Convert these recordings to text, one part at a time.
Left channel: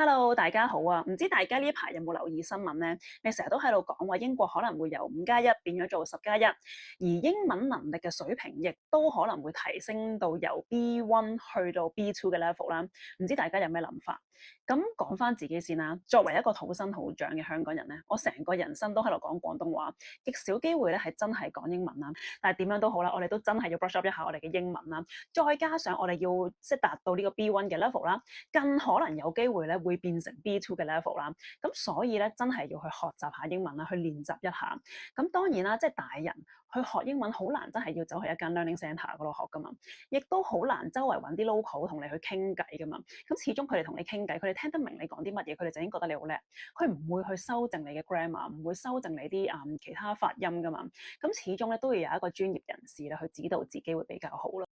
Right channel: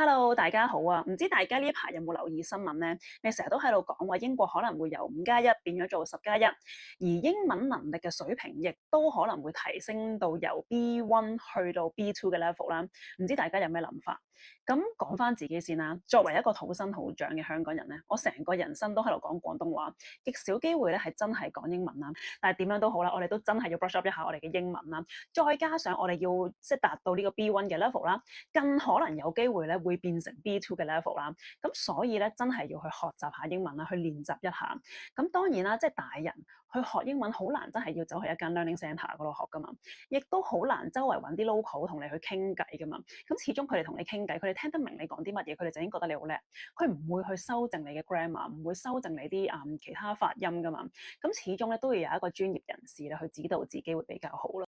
Hello，大家好啊！唔知大家呢排有冇留意新聞呢？你成日都喺度講話英國可能會由5+1變咗做10+1，而英文能力嘅水平亦都可能會提升到由 B1 去到 B2 嘅 level 啦。唔知大家有咩諗法？咁講翻自己先啦。作為一個土生土長嘅香港人咧，我成個人生都喺度講廣東話，極少機會咧係真係講英文啦。但係點樣都好啦，我哋都真係要 brush up 一下我哋嘅英文啦。再加上我哋要即係達到呢個 B1 嘅 level 啦。更可能有機會咧會變成 B2 嘅 level 啦，咁所以咧真係要去學習下英文啦，去練習一下。咁當然啦，即係大人去學英文好難，真係要走去一間 learning centre 嗰度學噶嘛，亦都好難周圍揾啲 local 同你去傾偈噶嘛。咁始終佢哋同你傾偈，佢哋聽得明你講啲乜嘢，佢哋就已經覺得你好叻，佢唔會去修正你嘅 grammar，唔會修正你啲其他發音噶嘛。咁始終咧都要有一個專業人士咧去指導自己會比較好啦。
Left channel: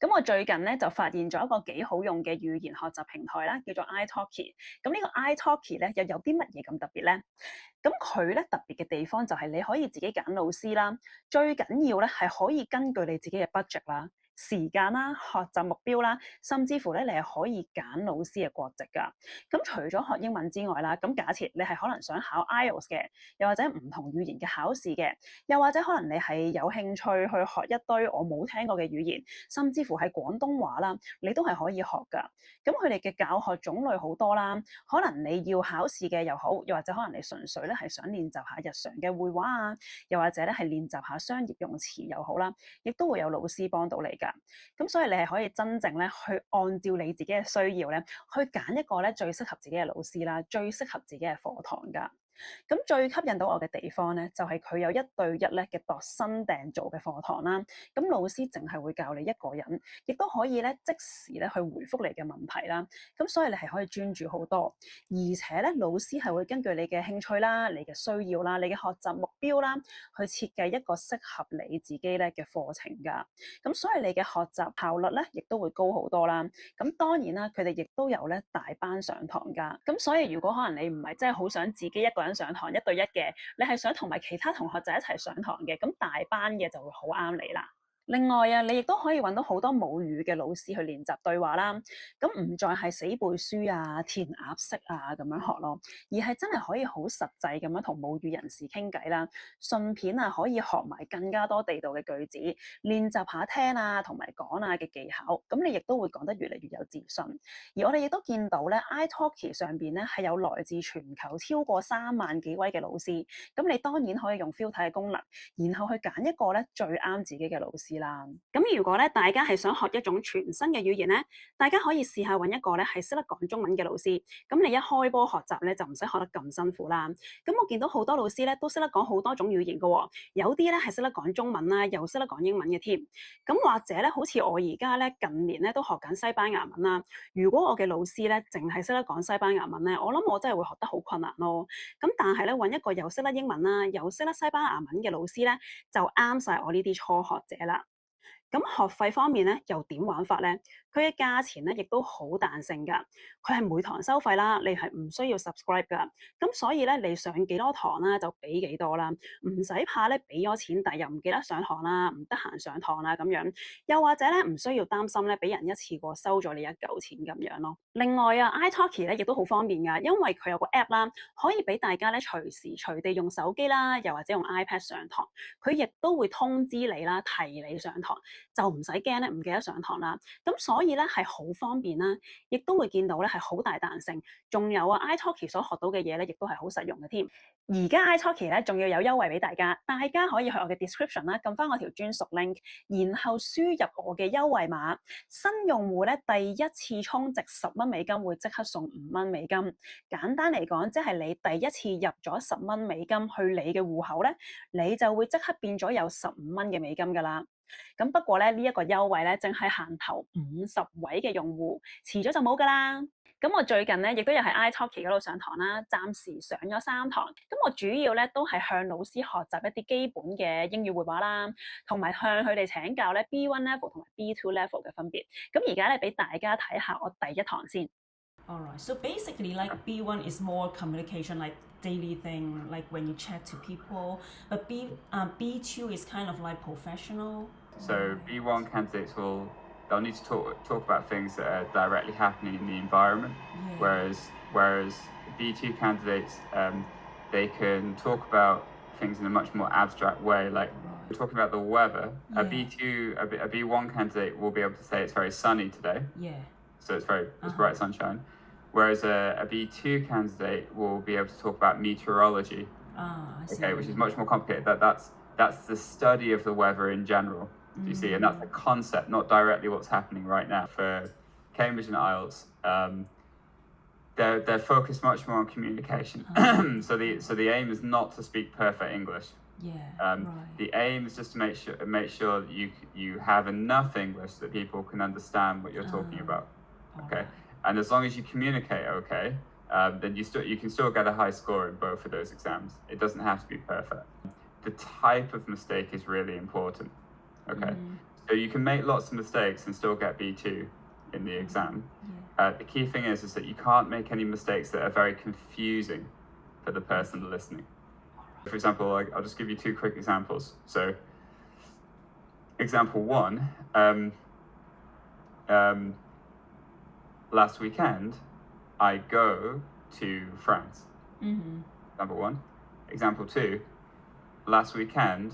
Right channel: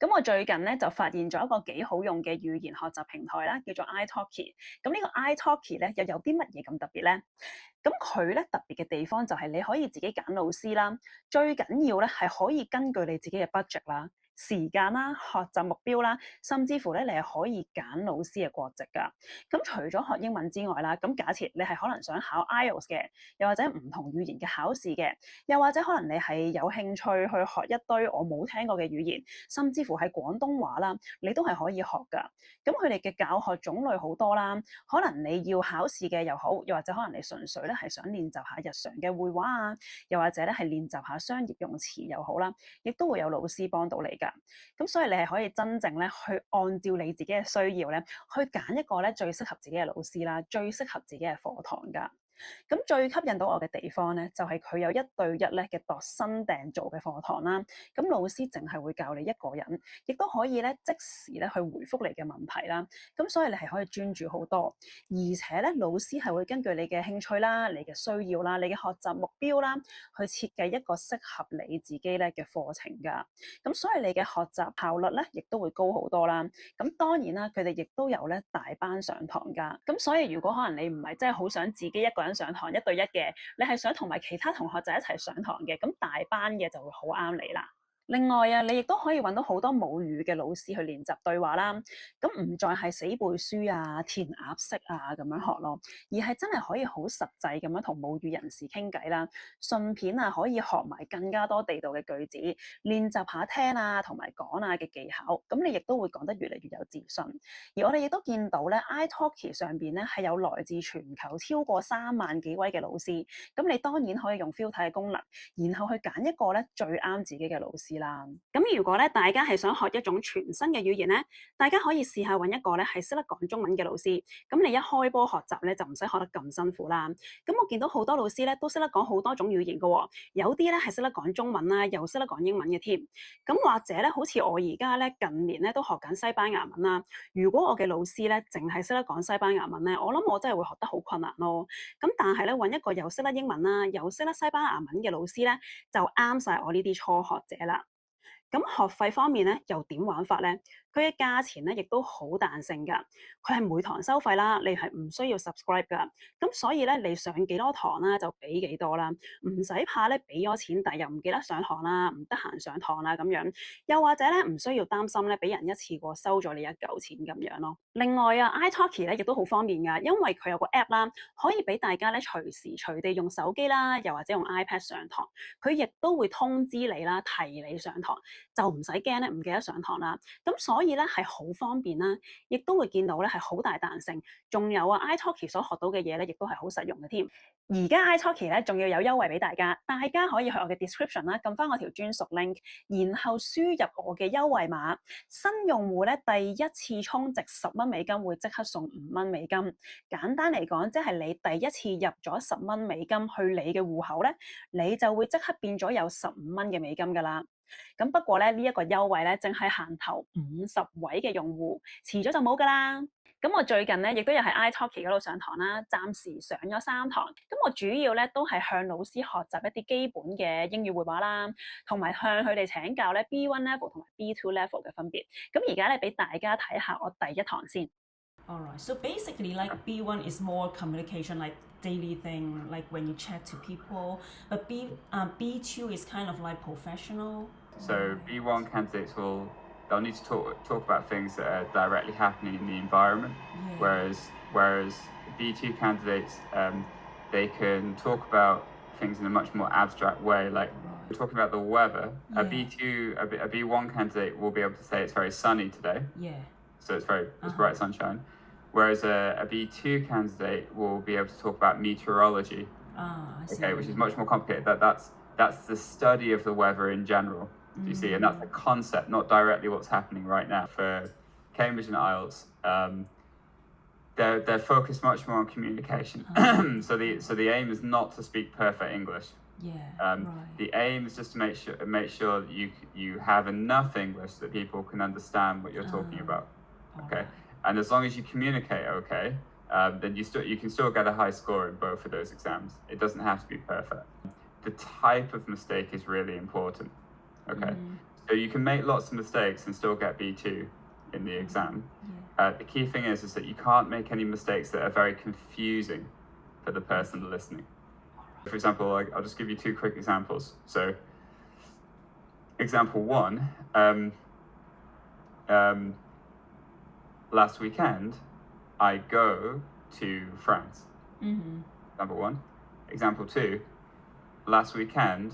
咁我最近咧就發現咗一個幾好用嘅語言學習平台啦，叫做 iTalki。咁呢個 iTalki 咧又有啲乜嘢咁特別咧？咁佢咧特別嘅地方就係你可以自己揀老師啦，最緊要咧係可以根據你自己嘅 budget 啦、時間啦、學習目標啦，甚至乎咧你係可以揀老師嘅國籍㗎。咁除咗學英文之外啦，咁假設你係可能想考 IELTS 嘅，又或者唔同語言嘅考試嘅，又或者可能你係有興趣去學一堆我冇聽過嘅語言，甚至乎係廣東話啦，你都係可以學㗎。咁佢哋嘅教學種類好多啦，可能你要考試嘅又好，又或者可能你純粹咧係想練習下日常嘅會話啊，又或者咧係練習下商業用詞又好啦，亦都會有老師幫到你㗎。咁所以你係可以真正咧去按照你自己嘅需要咧，去揀一個咧最適合自己嘅老師啦，最適合自己嘅課堂㗎。咁最吸引到我嘅地方咧，就係佢有1對1咧嘅度身訂造嘅課堂啦。咁老師淨係會教你一個人，亦都可以咧即時咧去回覆你嘅問題啦。咁所以你係可以專注好多，而且咧老師係會根據你嘅興趣啦、你嘅需要啦、你嘅學習目標啦，去設計一個適合你自己咧嘅課程㗎。咁所以你嘅學習效率咧，亦都會高好多啦。咁當然啦，佢哋亦都有咧大班上堂㗎。咁所以如果可能你唔係真係好想自己一個人上堂1對1嘅，你係想同埋其他同學仔一齊上堂嘅，咁大班嘅就會好啱你啦。另外啊，你亦都可以揾到好多母語嘅老師去練習對話啦。咁唔再係死背書啊、填鴨式啊咁樣學咯，而係真係可以好實際咁樣同母語人士傾偈啦。順便啊，可以學埋更加多地道嘅句子，練習下聽啊同埋講啊嘅技巧。咁你亦都會講得越嚟越有自信。而我哋亦都見到咧，iTalki 上邊咧係有來自全球超過3萬幾位嘅老師。咁你當然可以用 filter 嘅功能，然後去揀一個咧最啱自己嘅老師啦。咁如果咧大家係想學一種全新嘅語言咧，大家可以試下揾一個咧係識得講中文嘅老師。咁你一開波學習咧就唔使學得咁辛苦啦。咁我見到好多老師咧都識得講好多種語言嘅喎，有啲咧係識得講中文啦，又識得講英文嘅添。咁或者咧，好似我而家咧近年咧都學緊西班牙文啦。如果我嘅老師咧淨係識得講西班牙文咧，我諗我真係會學得好困難咯。咁但係咧揾一個又識得英文啦，又識得西班牙文嘅老師咧，就啱晒我呢啲初學者啦。咁學費方面咧，又點玩法咧？佢嘅價錢咧，亦都好彈性㗎。佢係每堂收費啦，你係唔需要 subscribe 㗎。咁所以咧，你上幾多堂啦，就俾幾多啦，唔使怕咧俾咗錢，但係又唔記得上堂啦，唔得閒上堂啦咁樣。又或者咧，唔需要擔心咧，俾人一次過收咗你一嚿錢咁樣咯。另外啊，iTalki 咧亦都好方便㗎，因為佢有個 app 啦，可以俾大家咧隨時隨地用手機啦，又或者用 iPad 上堂。佢亦都會通知你啦，提你上堂。就唔使驚咧，唔記得上堂啦。咁所以咧係好方便啦，亦都會見到咧係好大彈性。仲有啊，iTalki 所學到嘅嘢咧，亦都係好實用嘅添。而家 iTalki 咧仲要有優惠俾大家，大家可以去我嘅 description 啦，撳翻我條專屬 link，然後輸入我嘅優惠碼。新用戶咧第一次充值$10會即刻送$5。簡單嚟講，即係你第一次入咗$10去你嘅戶口咧，你就會即刻變咗有$15㗎啦。咁不過咧，呢一個優惠咧，淨係限頭50位嘅用戶，遲咗就冇㗎啦。咁我最近咧，亦都有喺 iTalki 嗰度上堂啦，暫時上咗3堂。咁我主要咧都係向老師學習一啲基本嘅英語會話啦，同埋向佢哋請教咧 B1 level 同埋 B2 level 嘅分別。咁而家咧俾大家睇下我第一堂先。All right. So basically, like B1 is more communication, like daily thing, like when you chat to people. But B2 is kind of like professional. So Right. B1 candidates they'll need to talk about things that are directly happening in the environment, Yeah. whereas B2 candidates they can talk about things in a much more abstract way. Like we're Right. talking about the weather. A Yeah. B2 a B1 candidate will be able to say it's very sunny today, Yeah. so it's Uh-huh. bright sunshine. Whereas a B2 candidate will be able to talk about meteorology, Ah, I see okay, what you which is mean. much more complicated. That's the study of the weather in general. Do you see? And that's a concept, not directly what's happening right now. For Cambridge and IELTS, they're focused much more on communication. So the aim is not to speak perfect English. Yeah. Right. The aim is just to make sure that you have enough English that people can understand what you're talking about. All Okay, right. and as long as you communicate okay, then you can still get a high score in both of those exams. It doesn't have to be perfect. The type of mistake is really important. Okay, so you can make lots of mistakes and still get B2 in the exam. Yeah. The key thing is that you can't make any mistakes that are very confusing for the person Okay. listening. For example, I'll just give you two quick examples. So, example one, um, last weekend, I go to France. Number one. Example two, last weekend,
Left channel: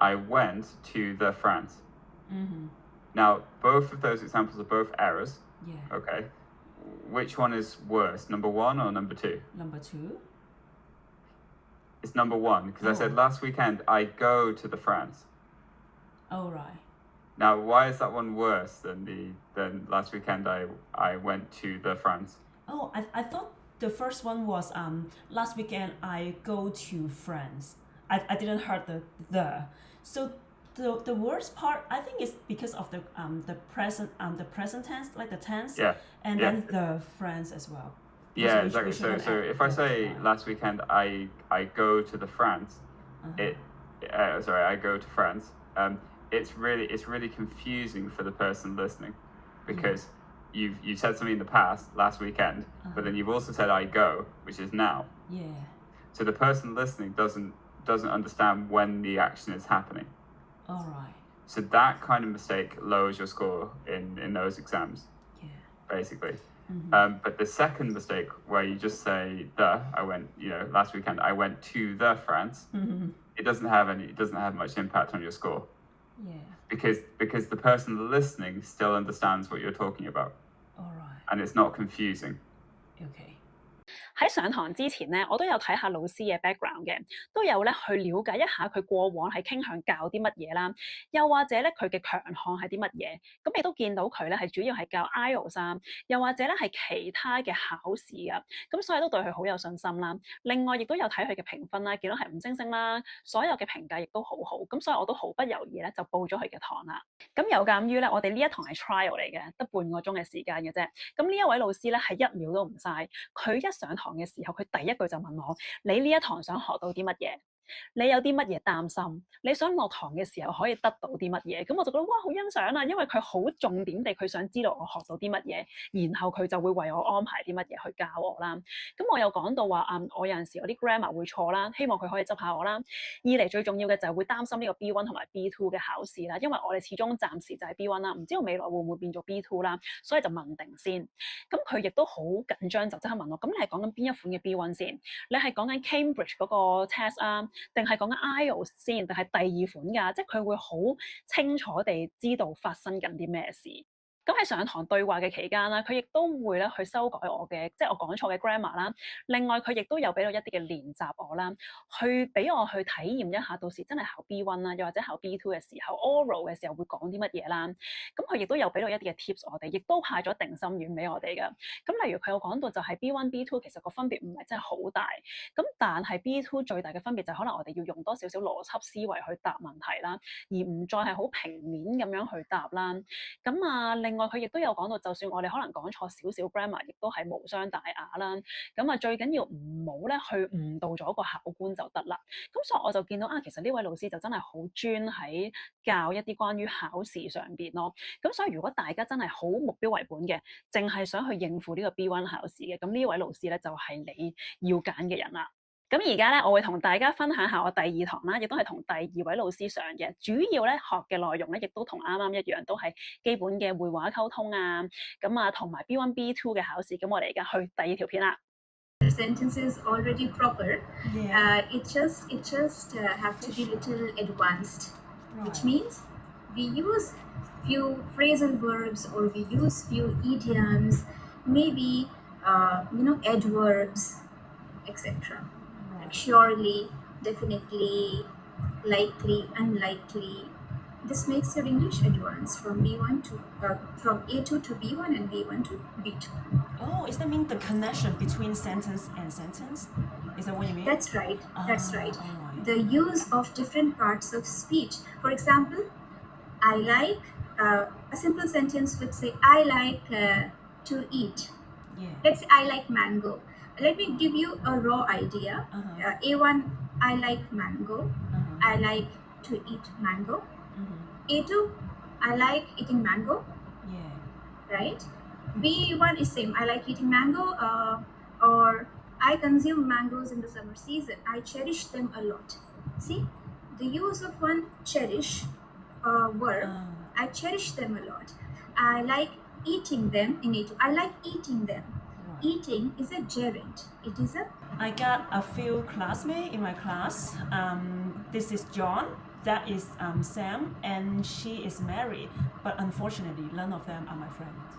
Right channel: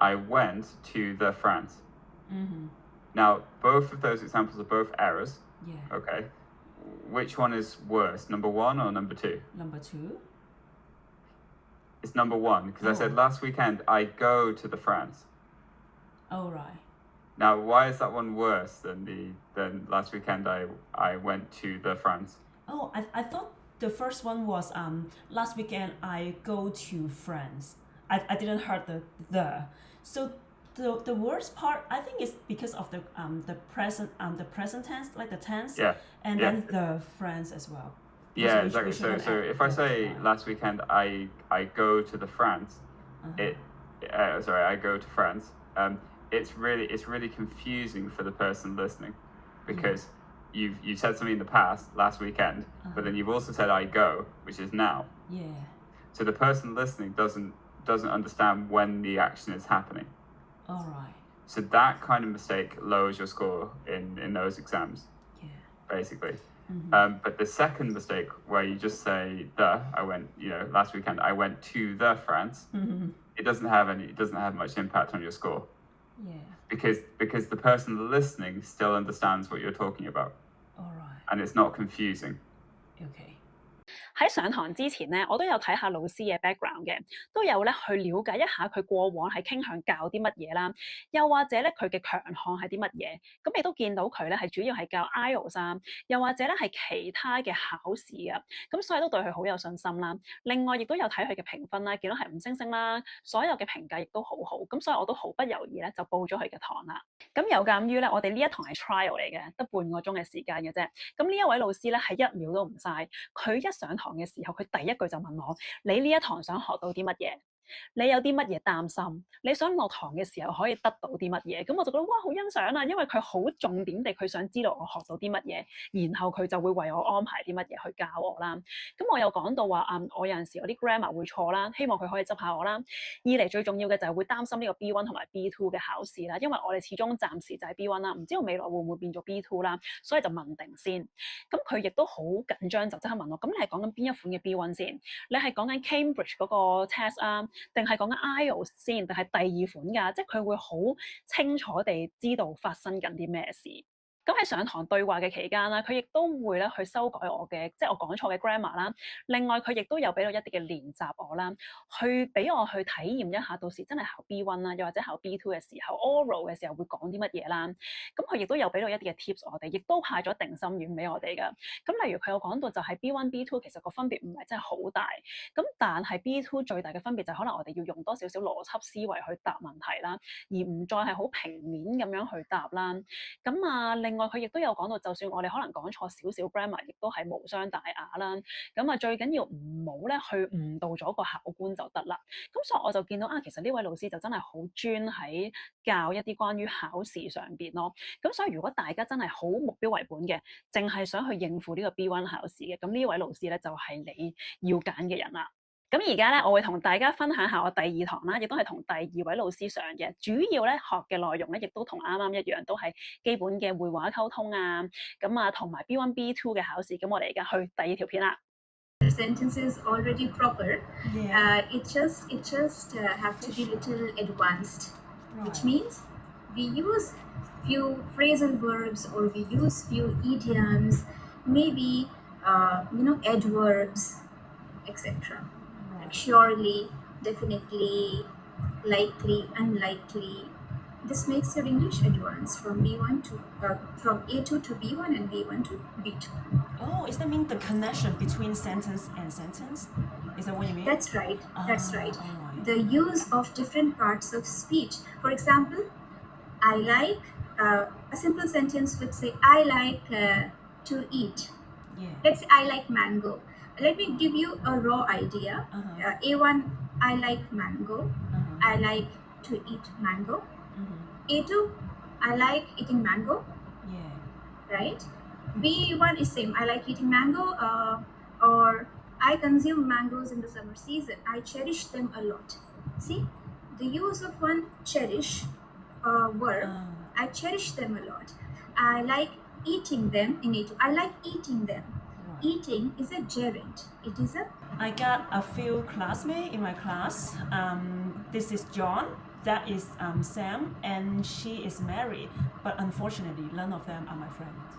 I went to the France. Now, both of those examples are both errors. Yeah. Okay. Which one is worse, number one or number two? Number two. It's number one, because I said last weekend I go to the France. Oh, right. Now, why is that one worse than last weekend I went to the France? Oh, I thought the first one was last weekend I go to France. I didn't heard the. So the worst part I think is because of the present tense, like the tense, Yeah, and yeah, then the France as well. Because yeah, we exactly. So shouldn't so add if I the say right. last weekend I go to the France, it sorry, I go to France. It's really confusing for the person listening, because you said something in the past last weekend, but then you've also said I go, which is now. Yeah. So the person listening doesn't understand when the action is happening. All right. So that kind of mistake lowers your score in those exams, Yeah. basically. But the second mistake, where you just say I went, last weekend I went to the France, it doesn't have much impact on your score, Yeah. because the person listening still understands what you're talking about, All right. and it's not confusing. Okay. 喺上堂之前咧，我都有睇下老師嘅 background 嘅，都有咧去了解一下佢過往係傾向教啲乜嘢啦，又或者咧佢嘅強項係啲乜嘢，咁亦都見到佢咧係主要係教 IELTS 啊，又或者咧係其他嘅考試啊，咁所以都對佢好有信心啦。另外亦都有睇佢嘅評分啦，見到係五星星啦，所有嘅評價亦都好好，咁所以我都毫不猶豫咧就報咗佢嘅堂啦。咁有鑑於咧，我哋呢一堂係 trial 嚟嘅，得半個鐘嘅時間嘅啫。咁呢一位老師咧係一秒都唔嘥，佢一上堂嘅時候，佢第一句就問我：你呢一堂想學到啲乜嘢？你有啲乜嘢擔心？你想落堂嘅時候可以得到啲乜嘢？咁我就覺得哇，好欣賞啊！因為佢好重點地，佢想知道我學到啲乜嘢，然後佢就會為我安排啲乜嘢去教我啦。咁我又講到話我有陣時我啲 grammar 會錯啦，希望佢可以執下我啦。二嚟最重要嘅就係會擔心呢個 B1 同埋 B2 嘅考試啦，因為我哋始終暫時就係 B1 啦，唔知道未來會唔會變做 B2 啦，所以就問定先。咁佢亦都好緊張，就即刻問我：咁你係講緊邊一款嘅 B1 先？你係講緊 Cambridge 嗰個 test 啊，定係講緊 IELTS 先，定係第二款㗎？即係佢會好清楚地知道發生緊啲咩事。咁喺上堂對話嘅期間啦，佢亦都會咧去修改我嘅，即係我講錯嘅 grammar 啦。另外佢亦都有俾到一啲嘅練習我啦，去俾我去體驗一下，到時真係考 B1 啦，又或者考 B2 嘅時候，oral 嘅時候會講啲乜嘢啦。咁佢亦都有俾到一啲嘅 tips 我哋，亦都派咗定心丸俾我哋㗎。咁例如佢有講到就係 B1、B2 其實個分別唔係真係好大，咁但係 B2 最大嘅分別就係可能我哋要用多少少邏輯思維去答問題啦，而唔再係好平面咁樣去答啦。咁另另外佢亦都有講到，就算我哋可能講錯少少 grammar，亦都係無傷大雅啦。咁啊，最緊要唔好咧去誤導咗個考官就得啦。咁所以我就見到其實呢位老師就真係好專喺教一啲關於考試上邊咯。咁所以如果大家真係好目標為本嘅，淨係想去應付呢個 B1 考試嘅，咁呢位老師咧就係你要揀嘅人啦。咁而家咧，我會同大家分享下我第二堂啦，亦都係同第二位老師上嘅。主要咧學嘅內容咧，亦都同啱啱一樣，都係基本嘅會話溝通啊。咁啊，同埋 B1、B2 嘅考試。咁我哋而家去第二條片啦。Sentence is already proper. Yeah. It just have to be little advanced, which means we use few phrasal verbs or we use few idioms, maybe adverbs, etc. Like surely, definitely, likely, unlikely. This makes your English advanced from B1 to from A2 to B1 and B1 to B2. Oh, is that mean the connection between sentence and sentence? Is that what you mean? That's right. That's right. Alright. The use of different parts of speech. For example, I like a simple sentence would say I like to eat. Yeah. Let's say I like mango. Let me give you a raw idea. A1, I like mango. I like to eat mango. A2, I like eating mango. Yeah. Right? B1 is same. I like eating mango, or I consume mangoes in the summer season. I cherish them a lot. See, the use of one cherish verb. I cherish them a lot. I like eating them in A2. I like eating them. Right. Eating is a gerund. It is a. I got a few classmates in my class. This is John. That is Sam, and she is married. But unfortunately, none of them are my friends.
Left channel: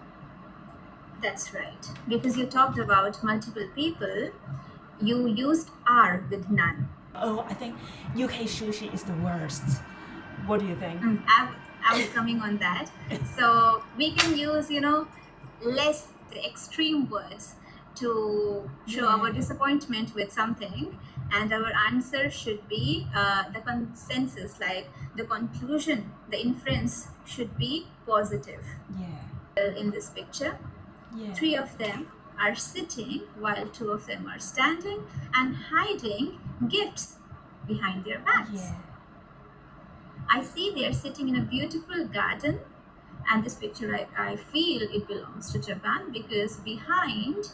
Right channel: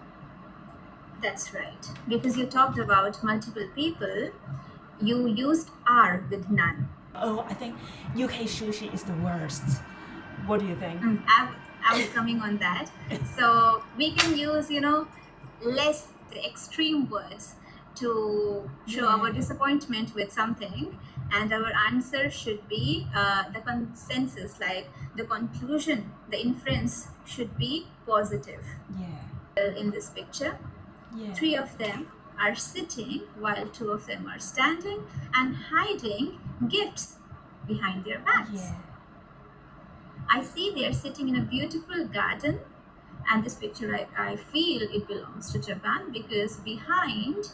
That's right. Because you talked about multiple people, you used are with none. Oh, I think UK sushi is the worst. What do you think? I was coming on that. So we can use, less extreme words to show our disappointment with something. And our answer should be the consensus, like the conclusion, the inference should be positive. Yeah. In this picture, Yeah. 3 of them are sitting while 2 of them are standing and hiding gifts behind their backs. Yeah. I see they are sitting in a beautiful garden, and this picture I feel it belongs to Japan because behind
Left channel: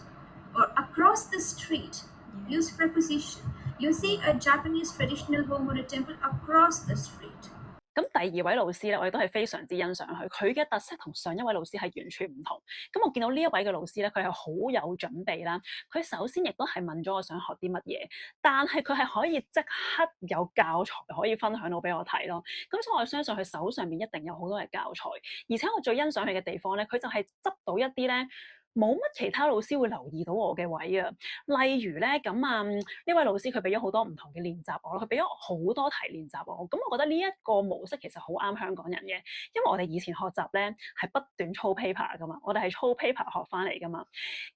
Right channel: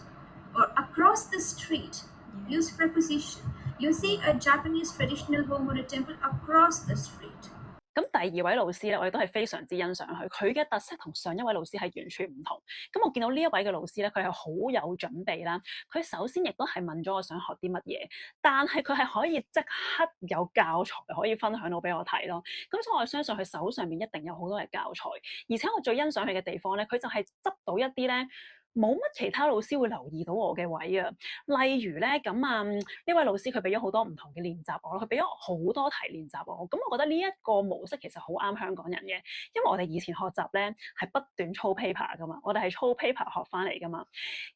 or across the street, use preposition. You see a Japanese traditional home or a temple across the street. 咁第二位老師咧，我亦都係非常之欣賞佢，佢嘅特色同上一位老師係完全唔同。咁我見到呢一位嘅老師咧，佢係好有準備啦。佢首先亦都係問咗我想學啲乜嘢，但係佢係可以即刻有教材可以分享到俾我睇咯。咁所以我相信佢手上面一定有好多嘅教材，而且我最欣賞佢嘅地方咧，佢就係執到一啲咧冇乜其他老師會留意到我嘅位啊。例如咧，呢位老師佢俾咗好多唔同嘅練習我咯，佢俾咗好多題練習我。咁我覺得呢一個模式其實好啱香港人嘅，因為我哋以前學習咧係不斷操 paper 噶嘛，我哋係操 paper 學翻嚟噶嘛。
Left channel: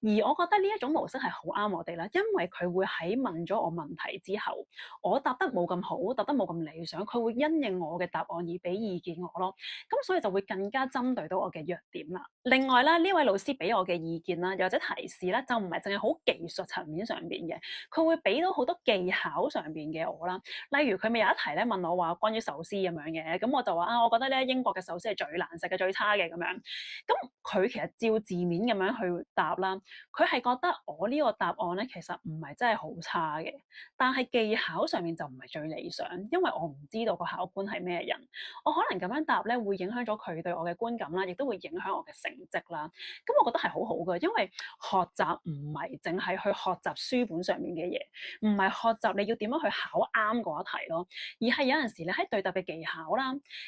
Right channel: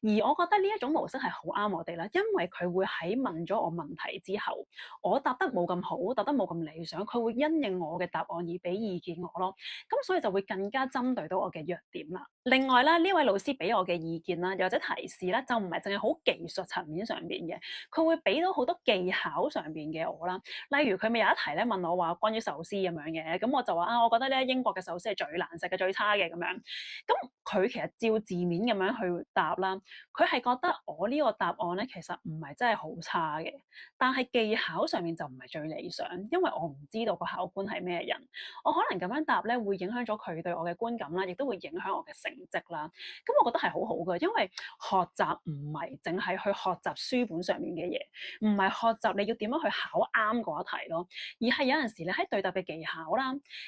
而我覺得呢一種模式係好啱我哋啦，因為佢會喺問咗我問題之後，我答得冇咁好，答得冇咁理想，佢會因應我嘅答案而俾意見我咯。咁所以就會更加針對到我嘅弱點啦。另外咧，呢位老師俾我嘅意見啦，又或者提示咧，就唔係淨係好技術層面上邊嘅，佢會俾到好多技巧上邊嘅我啦。例如佢咪有一題咧問我話關於壽司咁樣嘅，咁我就話我覺得咧英國嘅壽司係最難食嘅、最差嘅咁樣。咁佢其實照字面咁樣去答啦，佢係覺得我呢個答案咧其實唔係真係好差嘅，但係技巧上面就唔係最理想，因為我唔知道個考官係咩人，我可能咁樣答咧會影響咗佢對我嘅觀感啦，亦都會影響我嘅成績啦。咁我覺得係好好㗎，因為學習唔係淨係去學習書本上面嘅嘢，唔係學習你要點樣去考啱嗰一題咯，而係有陣時你喺對答嘅技巧啦，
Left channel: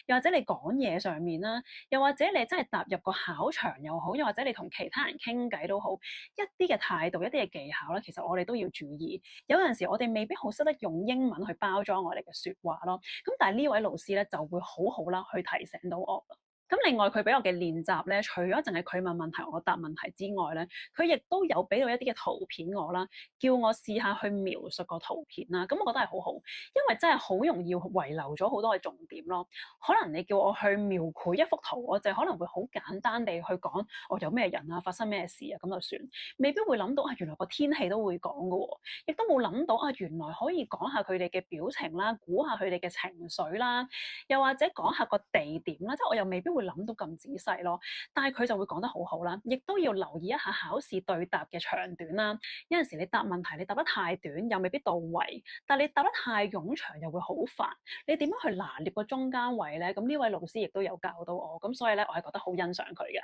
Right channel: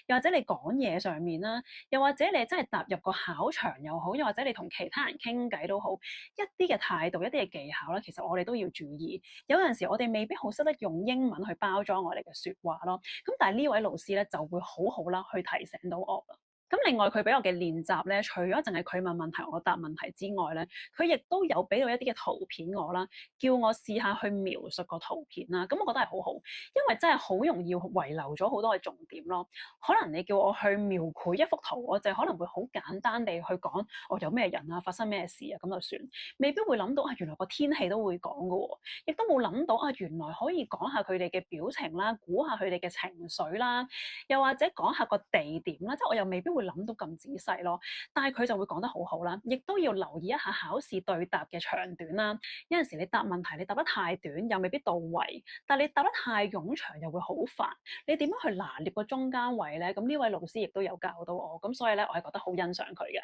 又或者你講嘢上面啦，又或者你真係踏入個考場又好，又或者你同其他人傾偈都好，一啲嘅態度、一啲嘅技巧啦，其實我哋都要注意。有陣時我哋未必好識得用英文去包裝我哋嘅説話咯，咁但係呢位老師咧就會好好啦去提醒到我啦。咁另外佢俾我嘅練習咧，除咗淨係佢問問題我答問題之外咧，佢亦都有俾到一啲嘅圖片我啦，叫我試下去描述個圖片啦。咁我覺得係好好，因為真係好容易遺留咗好多嘅重點咯。可能你叫我去描繪一幅圖，我就可能會好簡單地去講我有咩人啊，發生咩事啊，咁就算，未必會諗到啊原來個天氣都會講㗎喎，亦都冇諗到啊原來可以講下佢哋嘅表情啦，估下佢哋嘅情緒啦，又或者講下個地點啦，即係我又未必會諗到咁仔細咯。但係佢就會講得好好啦，亦都要留意一下考試對答嘅長短啦。有陣時你答問題你答得太短又未必到位，但係你答得太冗長又會好煩。你點樣去拿捏個中間位咧？咁呢位老師亦都有教到我，咁所以咧我係覺得好欣賞佢嘅。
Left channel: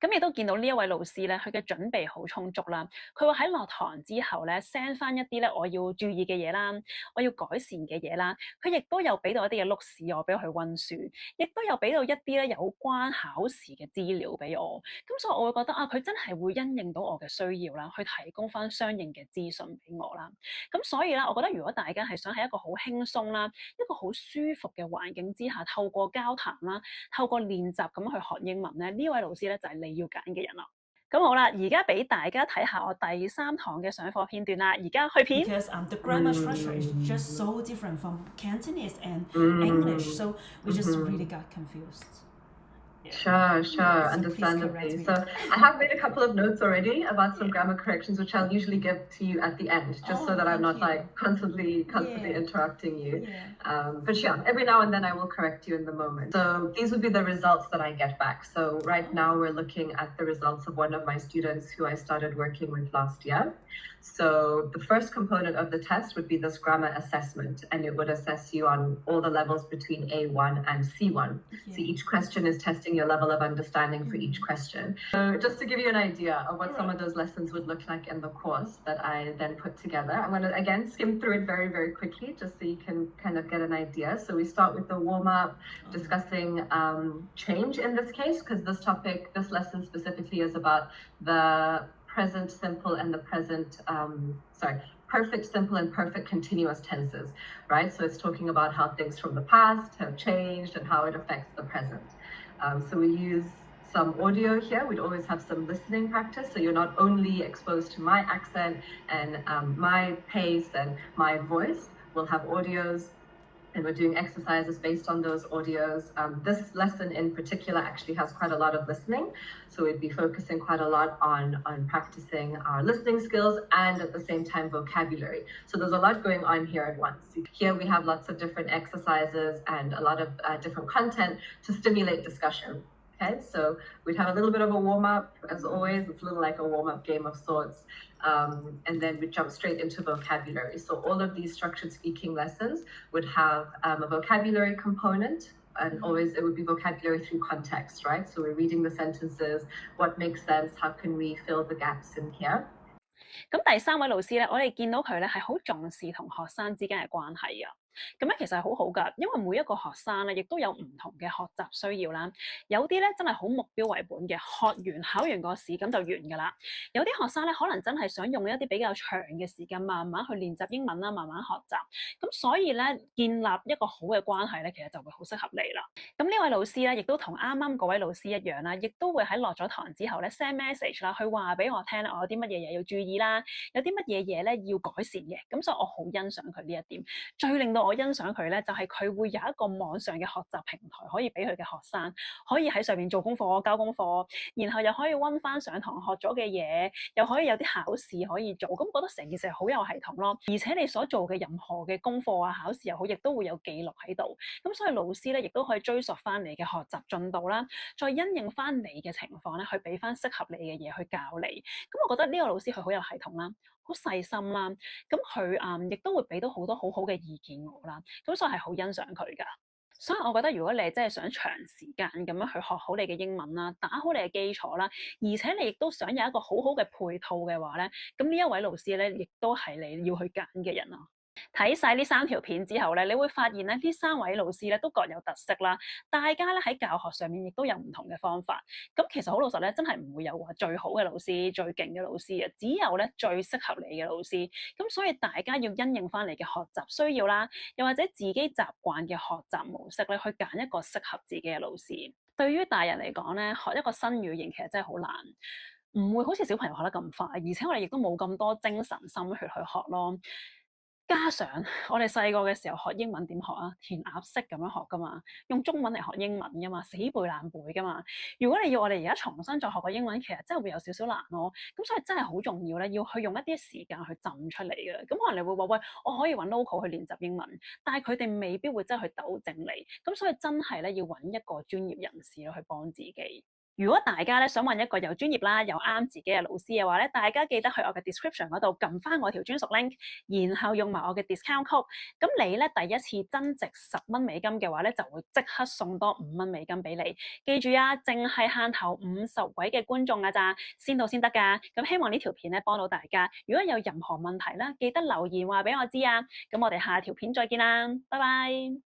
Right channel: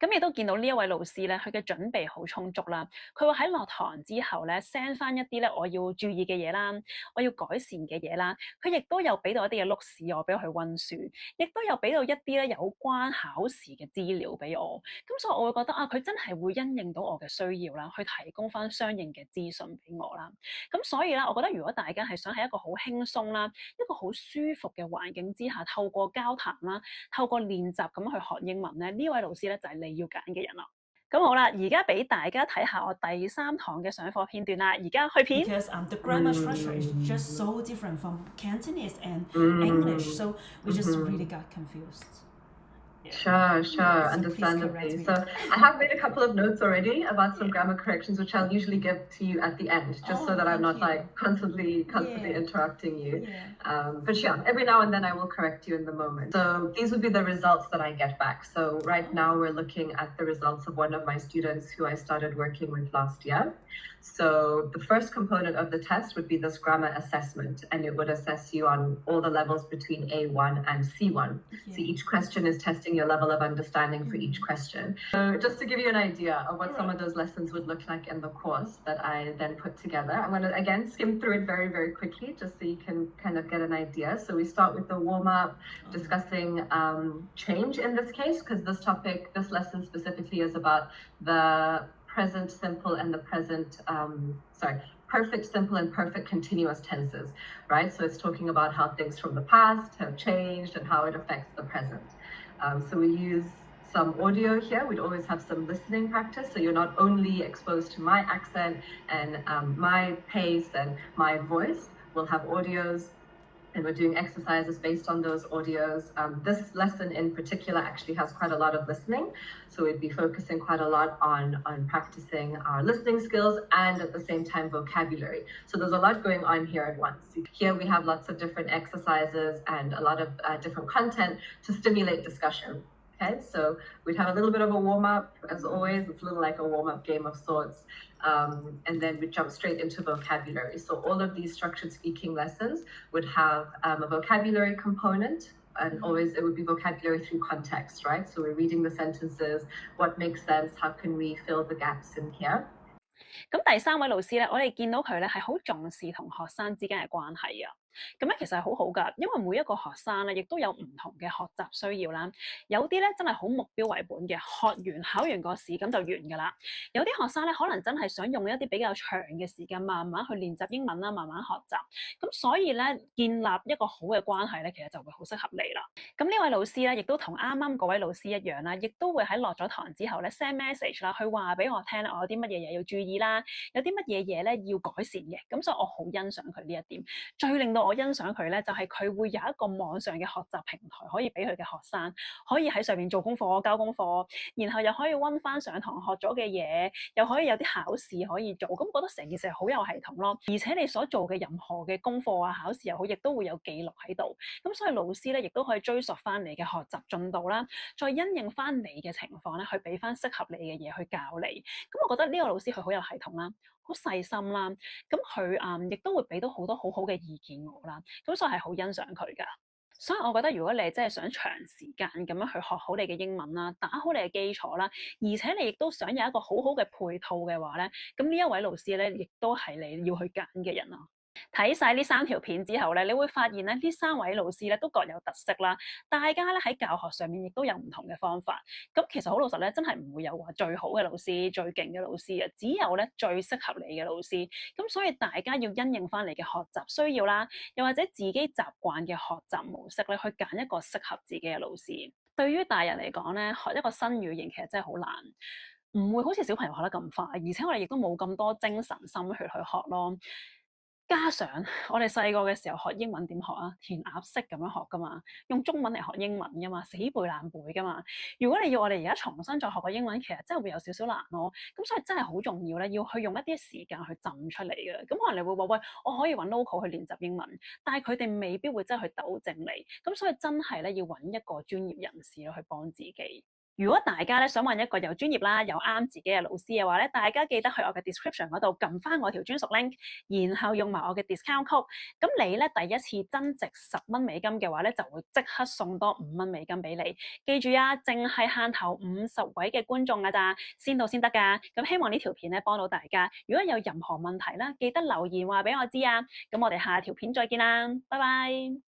咁亦都見到呢一位老師咧，佢嘅準備好充足啦。佢會喺落堂之後咧 send 翻一啲咧我要注意嘅嘢啦，我要改善嘅嘢啦。佢亦都有俾到一啲嘅碌屎我俾佢温書，亦都有俾到一啲咧有關考試嘅資料俾我。咁所以我會覺得啊，佢真係會因應到我嘅需要啦，去提供翻相應嘅資訊俾我啦。咁所以咧，我覺得如果大家係想喺一個好輕鬆啦，一個好舒服嘅環境之下，透過交談啦，透過練習咁去學英文咧，呢位老師咧就係你要揀嘅人啦。咁好啦，而家俾大家睇下我第3堂嘅上課片段啦。而家去片。Because the grammar structure is just so different from Cantonese and English, so we just really got confused. Sure, So please understandably. correct me. So I have made a couple of notes already about some grammar corrections, which I'll usually give to you at the end, just so Oh, that I'm thank not you. like constantly Yeah. interrupting you. Yeah. But yeah, every now and then I will correct you in the moment. So these would be the results that I get back. So right now we're looking at the results of one of my students who I started working with last year. So the first component of the test would be this grammar assessment, and it would assess you on all the levels between A1 and C1. So each question is testing your level of understanding for each question. So just to give you an idea of what some of those lessons would look like in the course that I then put together, I'm going to again skim through it very, very quickly just so you can kind of get an idea. So we start with the warm-up, discussing change in this case, because this lesson specifically is about the present simple and the perfect simple and perfect continuous tenses, right? So it's talking about how things from the past have changed and how it affects the present. So we use some audio here. We'd always have some listening practice, so you're not only exposed to my accent and my pace and my voice. We'll have audios, and we're doing exercises based on those audios. This lesson in particular actually has quite a lot of listening, so we'd be focusing quite a lot on practicing our listening skills and at the same time vocabulary. So there's a lot going on here at once. Here we have lots of different exercises and a lot of different content to stimulate discussion. Okay, so we'd have a little bit of a warm-up, as always. It's a little like a warm-up game of sorts. And then we jump straight into vocabulary. So all of these structured speaking lessons would have a vocabulary component, and always it would be vocabulary through context, right? So we're reading the sentences, what makes sense, how can we fill the gaps in here? 咁第3位老師咧，我哋見到佢咧係好重視同學生之間嘅關係啊。咁樣其實係好好㗎，因為每一個學生咧，亦都有唔同嘅學習需要啦。有啲咧真係好目標為本嘅，學完考完個試咁就完㗎啦。有啲學生咧可能真係想用一啲比較長嘅時間，慢慢去練習英文啦，慢慢學習。咁所以咧，建立一個好嘅關係咧，其實就會好適合你啦。咁呢位老師咧，亦都同啱啱嗰位老師一樣啦，亦都會喺落咗堂之後咧 send message 啦，去話俾我聽咧，我有啲乜嘢嘢要注意啦，有啲乜嘢嘢咧要改善嘅。咁所以我好欣賞佢呢一點。最令到我欣賞佢咧，就係佢會有一個網上嘅學習平台，可以俾佢嘅學生可以喺上面做功課、交功課，然後又可以温翻上堂學咗嘅嘢，又可以有啲考試可以做。咁覺得成件事好有系統咯。而且你所做嘅任何嘅功課啊、考試又好，亦都會有記錄喺度。咁所以老師咧，亦都可以追溯翻你嘅學習進度啦，再因應翻你嘅情況咧，去俾翻適合你嘅嘢去教你。咁我覺得呢個老師佢好有系統啦，好細心啦。咁佢亦都會俾到好多好好嘅意見我啦。咁所以係好欣賞佢㗎。所以我覺得如果你真係想長時間咁樣去學好你嘅英文啦，打好你嘅基礎啦，而且你亦都想有一個好好嘅配套嘅話咧，咁呢一位老師咧，亦都係你要去揀嘅人啦。睇晒呢3條片之後咧，你會發現咧，呢3位老師咧都各有特色啦。大家咧喺教學上面亦都有唔同嘅方法。咁其實好老實咧，真係唔會有話最好嘅老師、最勁嘅老師嘅，只有咧最適合你嘅老師。咁所以大家要因應翻你嘅學習需要啦，又或者自己習慣嘅學習模式咧，去揀一個適合自己嘅老師。對於大人嚟講咧，學一個新語言其實真係好難，唔會好似小朋友學得咁快，而且我哋亦都冇咁多精神心血去學咯。加上我哋細個嘅時候學英文點學啊？填鴨式咁樣學噶嘛，用中文嚟學英文噶嘛，死背爛背噶嘛。如果你要我哋而家重新再學個英文，其實真係會有少少難咯。咁所以真係好重要咧，要去用一啲時間去浸出嚟嘅。咁可能你會話喂，我可以揾 local 去練習英文，但係佢哋未必會真係去糾正你。咁所以真係咧要揾一個專業人士去幫自己。如果大家咧想揾一個又專業啦又啱自己嘅老師嘅話咧，大家記得去我嘅 description 嗰度撳翻我條專屬 link，然後用埋我嘅 discount code。咁你咧第一次增值$10嘅話咧，就會即刻送多$5俾你。記住啊，淨係限頭50位嘅觀眾㗎咋，先到先得㗎。咁希望呢條片咧幫到大家。如果有任何問題啦，記得留言話俾我知啊。咁我哋下條片再見啦，拜拜。